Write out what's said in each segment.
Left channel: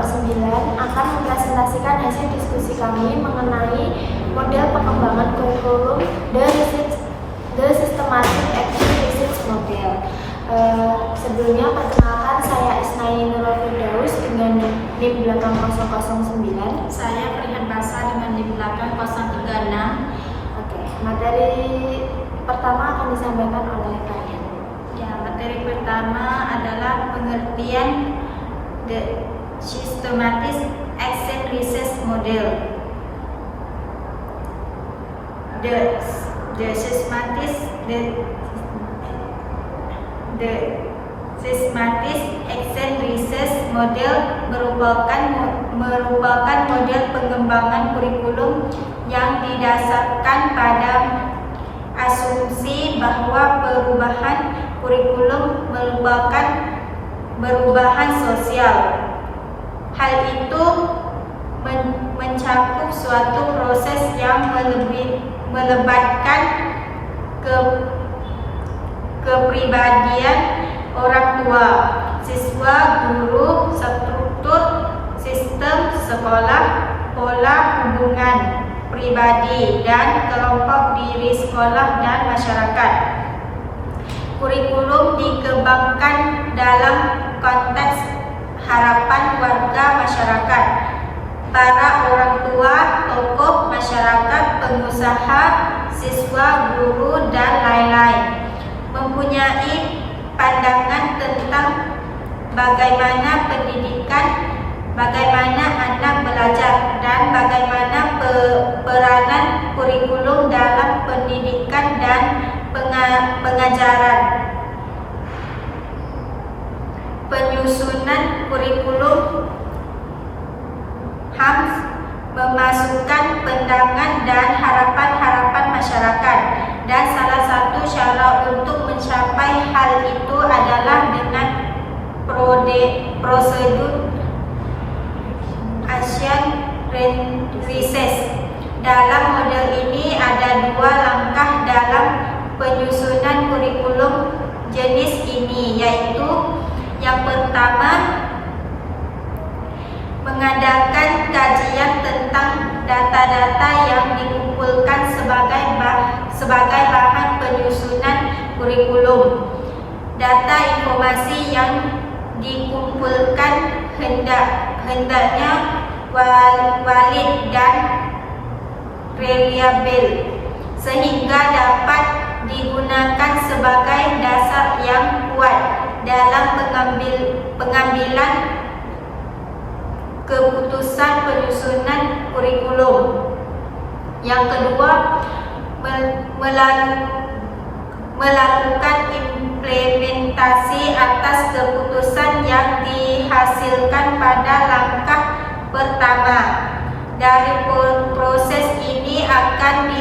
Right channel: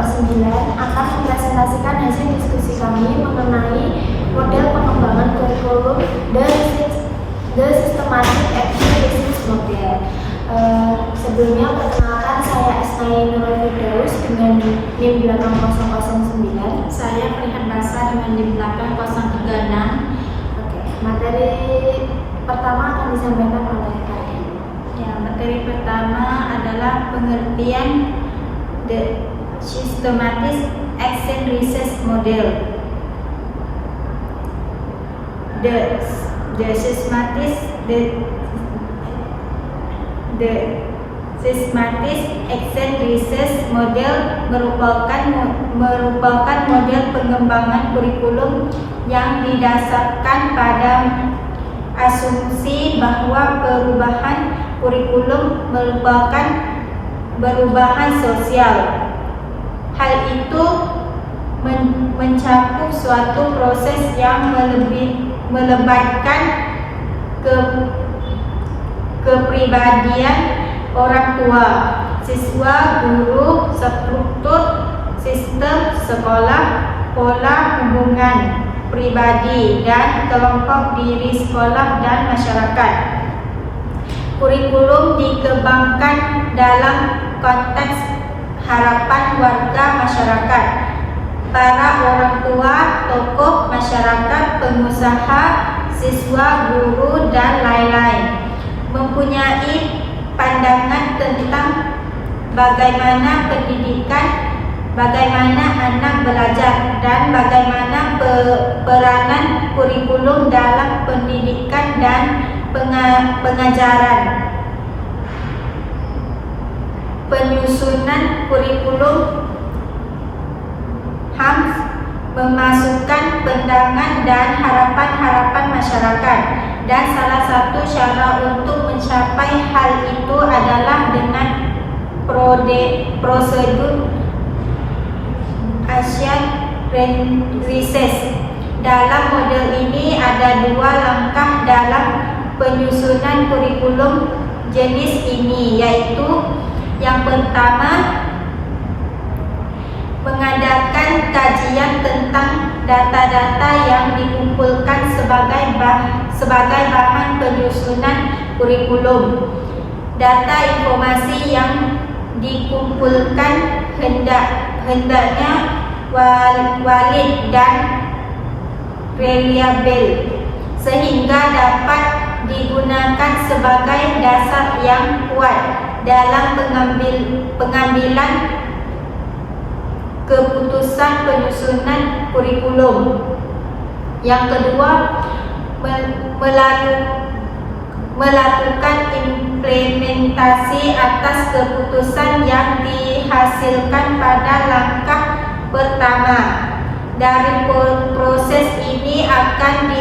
kelompok 9 akan mempresentasikan hasil diskusi kami mengenai model pengembangan kurikulum The Systematic Action Research Model. Sebelumnya perkenalkan, saya Isnaya Nurul Firdaus dengan NIM belakang 009. Saya Perihan Basa dengan NIM belakang 036. Oke, materi pertama akan disampaikan oleh kalian. Ya, materi pertama adalah pengertian The Systematic Action Research Model. The Systematic Action Research Model merupakan model pengembangan kurikulum yang didasarkan pada asumsi bahwa perubahan kurikulum merupakan perubahan sosial. Hal itu mencakup suatu proses yang melibatkan kepribadian orang tua, siswa, guru, struktur sistem sekolah, pola hubungan pribadi dan kelompok diri sekolah dan masyarakat. Kurikulum dikembangkan dalam konteks harapan warga masyarakat, para orang tua, tokoh masyarakat, pengusaha, siswa, guru, dan lain-lain, mempunyai pandangan tentang bagaimana pendidikan, bagaimana anak belajar, dan bagaimana peranan kurikulum dalam pendidikan dan pengajaran. Penyusunan kurikulum harus memasukkan pandangan dan harapan-harapan masyarakat, dan salah satu cara untuk mencapai hal itu adalah dengan prosedur Action Research. Dalam model ini ada dua langkah dalam penyusunan kurikulum jenis ini, yaitu yang pertama, mengadakan kajian tentang data-data yang dikumpulkan sebagai bahan penyusunan kurikulum. Data informasi yang dikumpulkan hendaknya valid dan reliable, sehingga dapat digunakan sebagai dasar yang kuat dalam pengambilan keputusan penyusunan kurikulum. Yang kedua, melakukan implementasi atas keputusan yang dihasilkan pada langkah pertama. Dari proses ini akan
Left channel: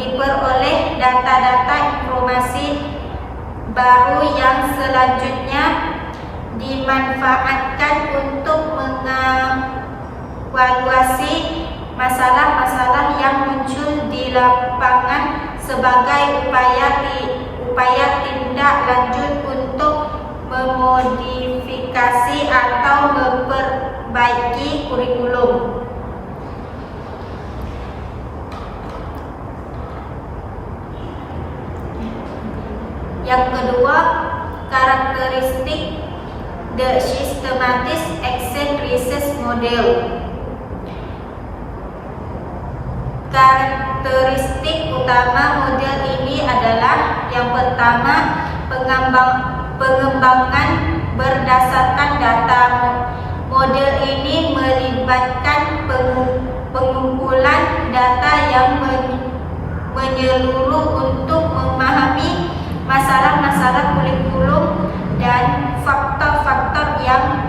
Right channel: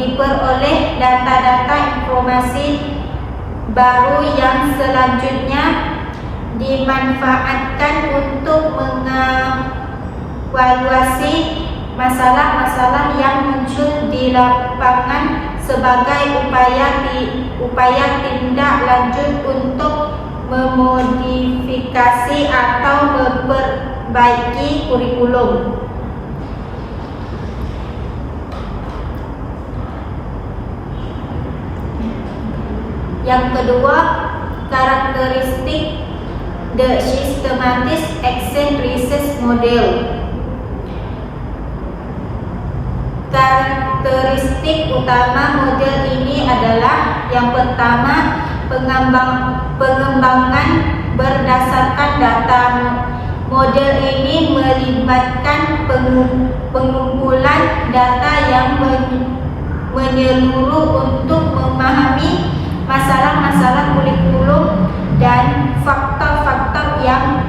diperoleh data-data informasi baru yang selanjutnya dimanfaatkan untuk mengevaluasi masalah-masalah yang muncul di lapangan sebagai upaya tindak lanjut untuk memodifikasi atau memperbaiki kurikulum. Yang kedua, karakteristik The Systematic Action Research Model. Karakteristik utama model ini adalah yang pertama, pengembangan berdasarkan data. Model ini melibatkan pengumpulan data yang menyeluruh untuk memahami masalah-masalah kurikulum dan faktor-faktor yang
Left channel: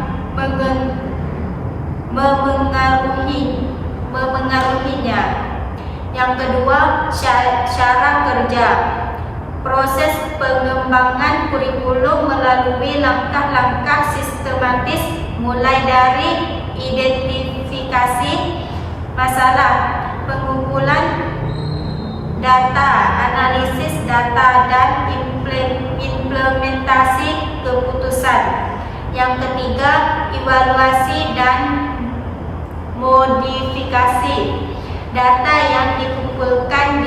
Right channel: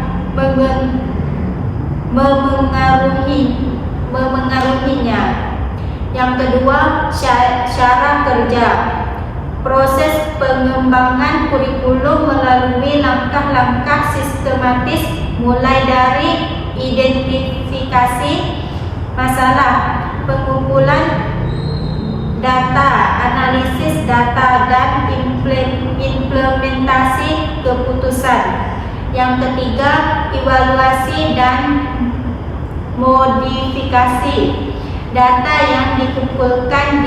memengaruhinya. Yang kedua, cara kerja. Proses pengembangan kurikulum melalui langkah-langkah sistematis, mulai dari identifikasi masalah, pengumpulan data, analisis data, dan implementasi keputusan. Yang ketiga, evaluasi dan modifikasi. Data yang dikumpulkan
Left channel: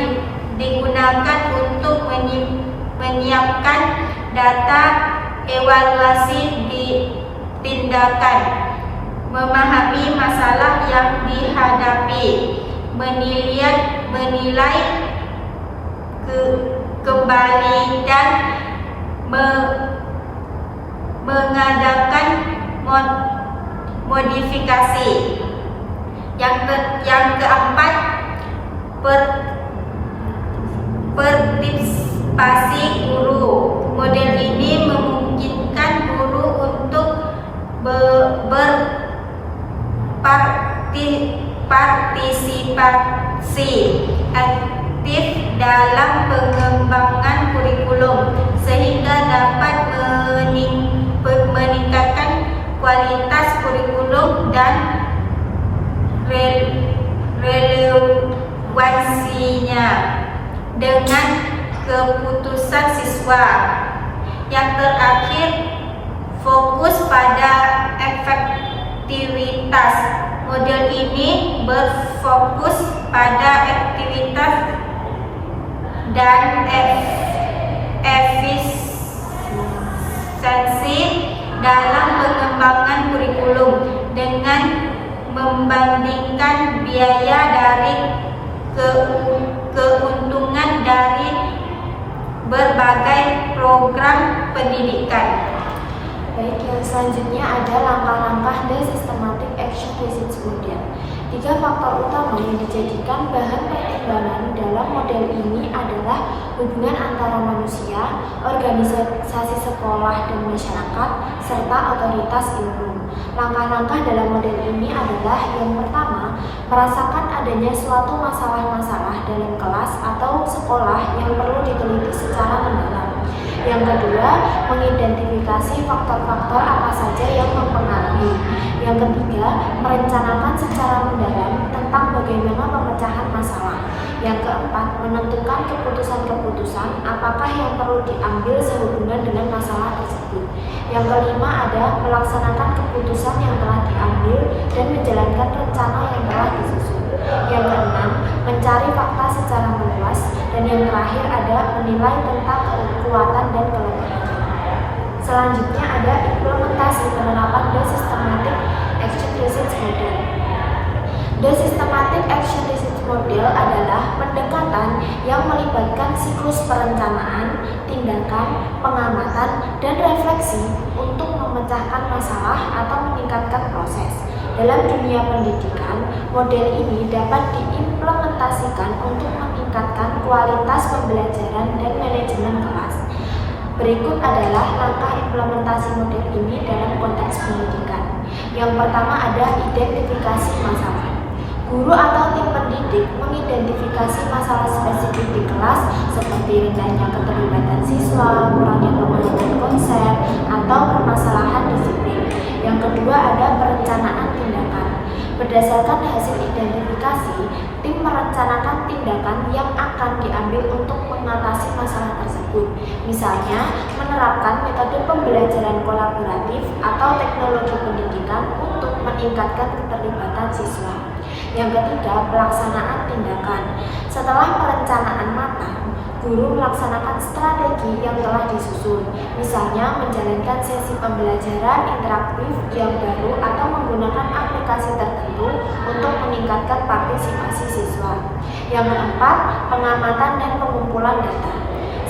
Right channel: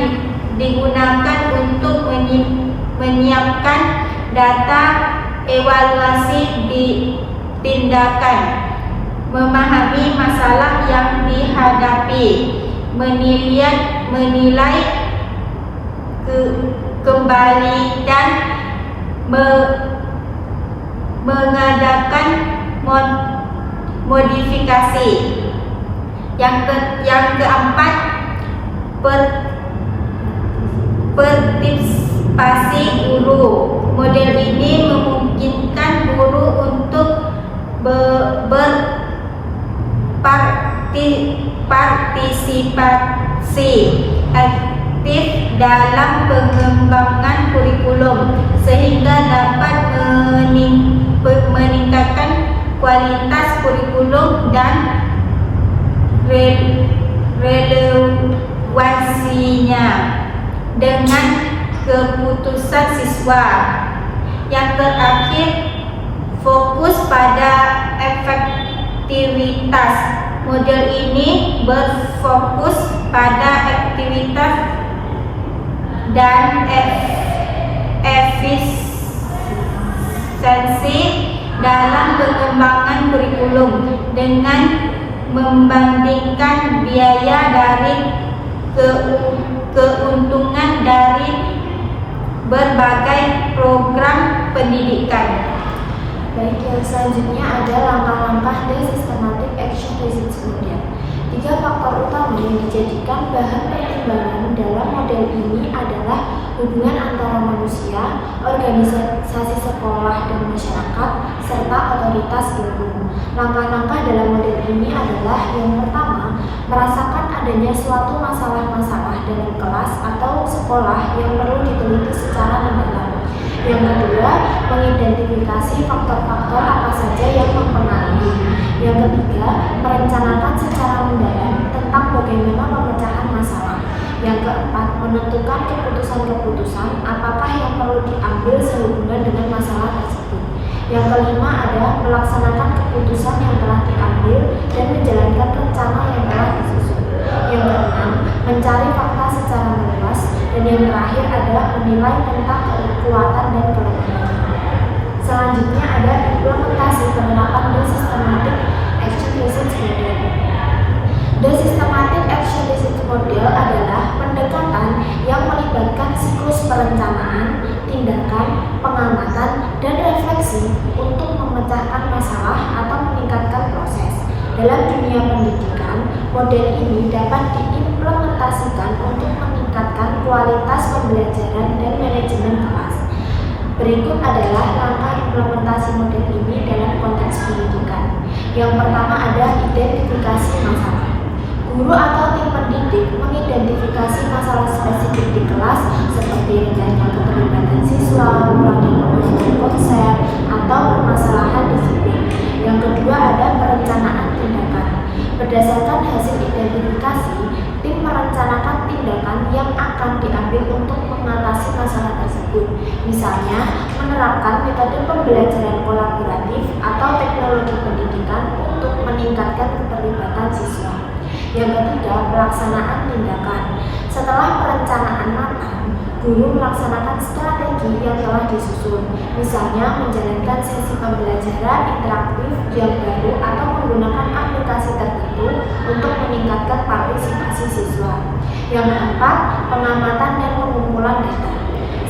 digunakan untuk menyiapkan data evaluasi tindakan, memahami masalah yang dihadapi, menilai kembali dan mengadakan modifikasi. Yang keempat, partisipasi guru. Model ini memungkinkan guru untuk berpartisipasi aktif dalam pengembangan kurikulum sehingga dapat meningkatkan kualitas kurikulum dan relevansinya dengan keputusan siswa. Yang terakhir, fokus pada efektivitas. Model ini berfokus pada aktivitas dan efisiensi dalam pengembangan kurikulum dengan membandingkan biaya dari keuntungan dari berbagai program pendidikan. Baik, yang selanjutnya ada langkah-langkah dan systematic action research model. 3 faktor utama yang dijadikan bahan pertimbangan dalam model ini adalah hubungan antara manusia, organisasi sekolah dan masyarakat, serta otoritas umum. Langkah-langkah dalam model ini adalah yang pertama, merasakan adanya suatu masalah-masalah dalam kelas atau sekolah yang perlu diteliti secara mendalam. Yang kedua, mengidentifikasi faktor-faktor apa saja yang mempengaruhi. Yang ketiga, merencanakan secara mendalam tentang bagaimana pemecahan masalah. Yang keempat, menentukan keputusan-keputusan apakah yang perlu diambil sehubungan dengan masalah tersebut. Yang kelima ada melaksanakan keputusan yang telah diambil dan menjalankan rencana yang telah disusun. Yang keenam, mencari fakta secara meluas. Dan yang terakhir ada menilai tentang kekuatan dan kelemahan. Selanjutnya ada implementasi penerapan The Systematic Action Research Model. The Systematic Action Research Model adalah pendekatan yang melibatkan siklus perencanaan, tindakan, pengamatan, dan refleksi untuk memecahkan masalah atau meningkatkan proses. Dalam dunia pendidikan, model ini dapat diimplementasikan untuk meningkatkan kualitas pembelajaran dan manajemen kelas. Berikut adalah langkah implementasi model ini dalam konteks pendidikan. Yang pertama ada identifikasi masalah. Guru atau tim pendidik mengidentifikasi masalah spesifik di kelas seperti rendahnya keterlibatan siswa, kurangnya pemahaman konsep, atau permasalahan disiplin. Yang kedua ada perencanaan tindakan. Berdasarkan hasil identifikasi, tim merencanakan tindakan yang akan diambil untuk mengatasi masalah tersebut. Misalnya, menerapkan metode pembelajaran kolaboratif atau teknologi pendidikan untuk meningkatkan keterlibatan siswa. Yang ketiga, pelaksanaan tindakan. Setelah perencanaan matang, guru melaksanakan strategi yang telah disusun, misalnya menjalankan sesi pembelajaran interaktif yang baru atau menggunakan aplikasi tertentu untuk meningkatkan partisipasi siswa. Yang keempat, pengamatan dan pengumpulan data.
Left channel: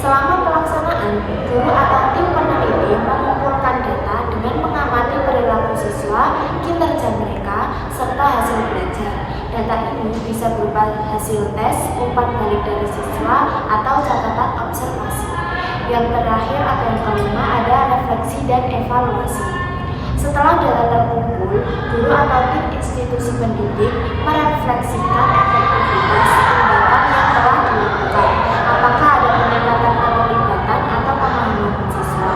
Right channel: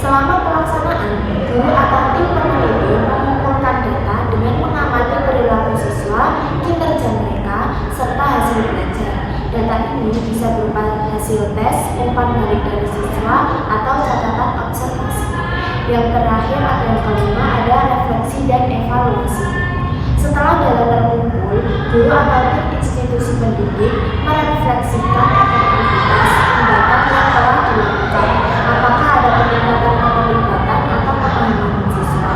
Selama pelaksanaan, guru atau tim peneliti mengumpulkan data dengan mengamati perilaku siswa, kinerja mereka, serta hasil belajar. Data ini bisa berupa hasil tes, umpan balik dari siswa, atau catatan observasi. Yang terakhir atau yang kelima ada refleksi dan evaluasi. Setelah data terkumpul, guru atau tim institusi pendidik merefleksikan efektivitas tindakan yang telah dilakukan. Apakah ada peningkatan keterlibatan atau pemahaman siswa?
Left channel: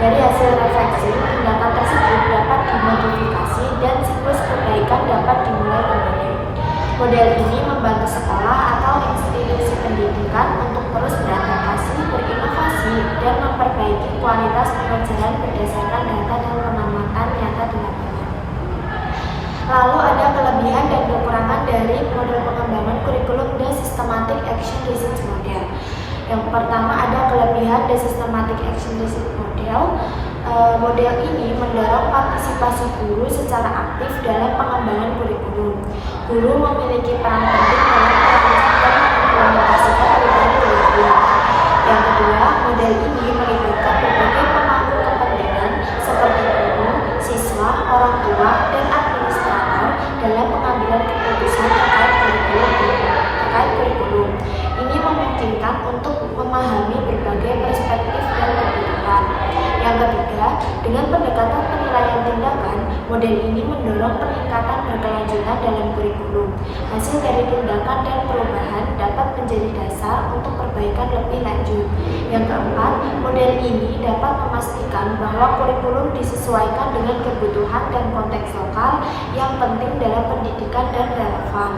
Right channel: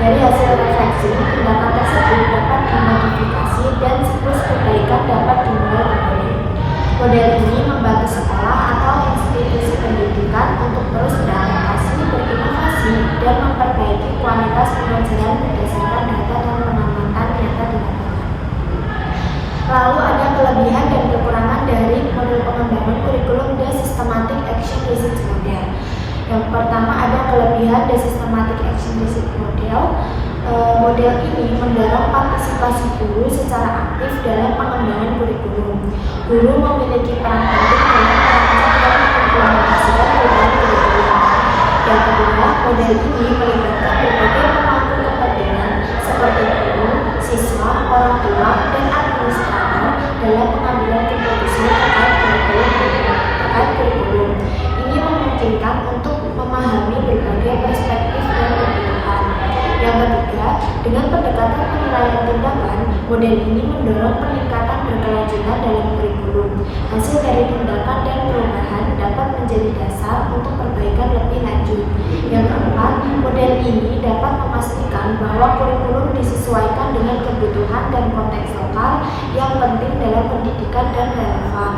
Dari hasil refleksi, tindakan tersebut dapat dimodifikasi dan siklus perbaikan dapat dimulai kembali. Model ini membantu sekolah atau institusi pendidikan untuk terus beradaptasi, berinovasi, dan memperbaiki kualitas pengajaran berdasarkan data dan pengamatan nyata di lapangan. Lalu ada kelebihan dan kekurangan dari model pengembangan kurikulum The Systematic Action Research Model. Yang pertama ada kelebihan The Systematic Action Research Model. Model ini mendorong partisipasi guru secara aktif dalam pengembangan kurikulum. Guru memiliki peran penting dalam merancang dan mengimplementasikan perubahan kurikulum. Yang kedua, model ini melibatkan berbagai pemangku kepentingan seperti guru, siswa, orang tua, dan administrator dalam pengambilan keputusan terkait kurikulum. Ini memungkinkan untuk memahami berbagai perspektif dan kebutuhan. Yang ketiga, dengan pendekatan penilaian tindakan, model ini mendorong peningkatan berkelanjutan dalam kurikulum. Hasil dari tindakan dan perubahan dapat menjadi dasar untuk perbaikan lebih lanjut. Yang keempat, model ini dapat memastikan bahwa kurikulum disesuaikan dengan kebutuhan dan konteks lokal yang penting dalam pendidikan dan relevan.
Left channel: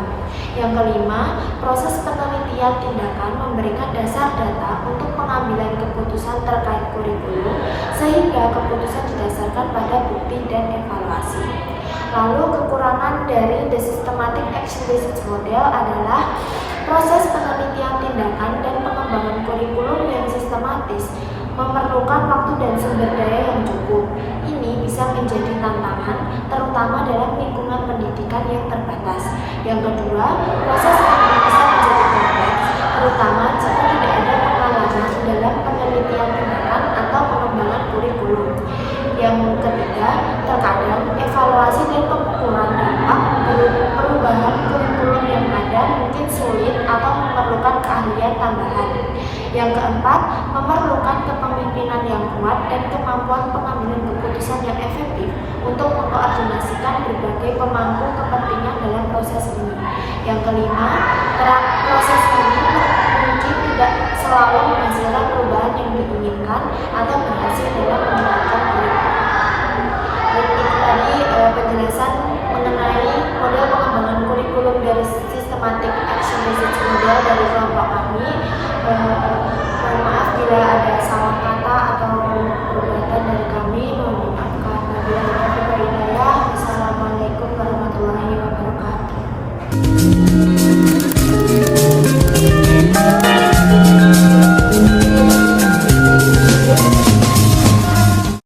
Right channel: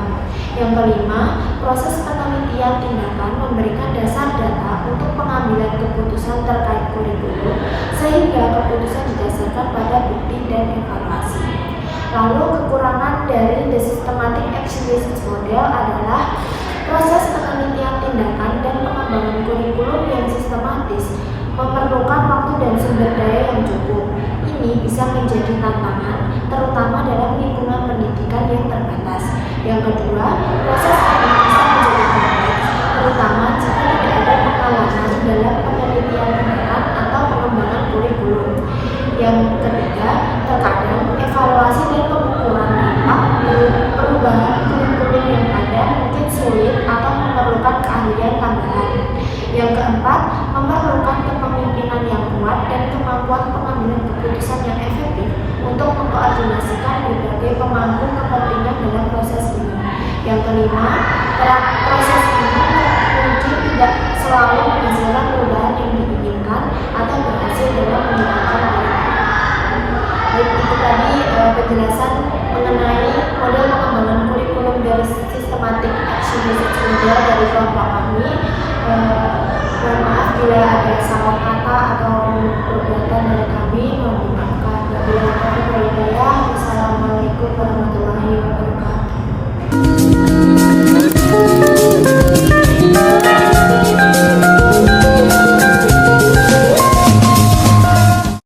Yang kelima, proses penelitian tindakan memberikan dasar data untuk pengambilan keputusan terkait kurikulum, sehingga keputusan didasarkan pada bukti dan evaluasi. Lalu kekurangan dari The Systematic Action Research Model adalah proses penelitian tindakan dan pengembangan kurikulum yang sistematis memerlukan waktu dan sumber daya yang cukup. Ini bisa menjadi tantangan, terutama dalam lingkungan pendidikan yang terbatas. Yang kedua, proses ini bisa menjadi kompleks, terutama jika tidak ada pengalaman dalam penelitian tindakan atau pengembangan kurikulum. Yang ketiga, terkadang evaluasi dan pengukuran dampak perubahan kurikulum yang ada mungkin sulit atau memerlukan keahlian tambahan. Yang keempat, memerlukan kepemimpinan yang kuat dan kemampuan pengambilan keputusan yang efektif untuk mengkoordinasikan berbagai pemangku kepentingan dalam proses ini. Yang kelima, proses ini mungkin tidak selalu menghasilkan perubahan yang diinginkan atau berhasil dalam meningkatkan kurikulum. Baik, itu tadi penjelasan mengenai model pengembangan kurikulum dari Systematic Action Research Model dari kelompok kami. Mohon maaf bila ada salah kata atau perbuatan dari kami, mohon dimaafkan. Wassalamualaikum warahmatullahi wabarakatuh.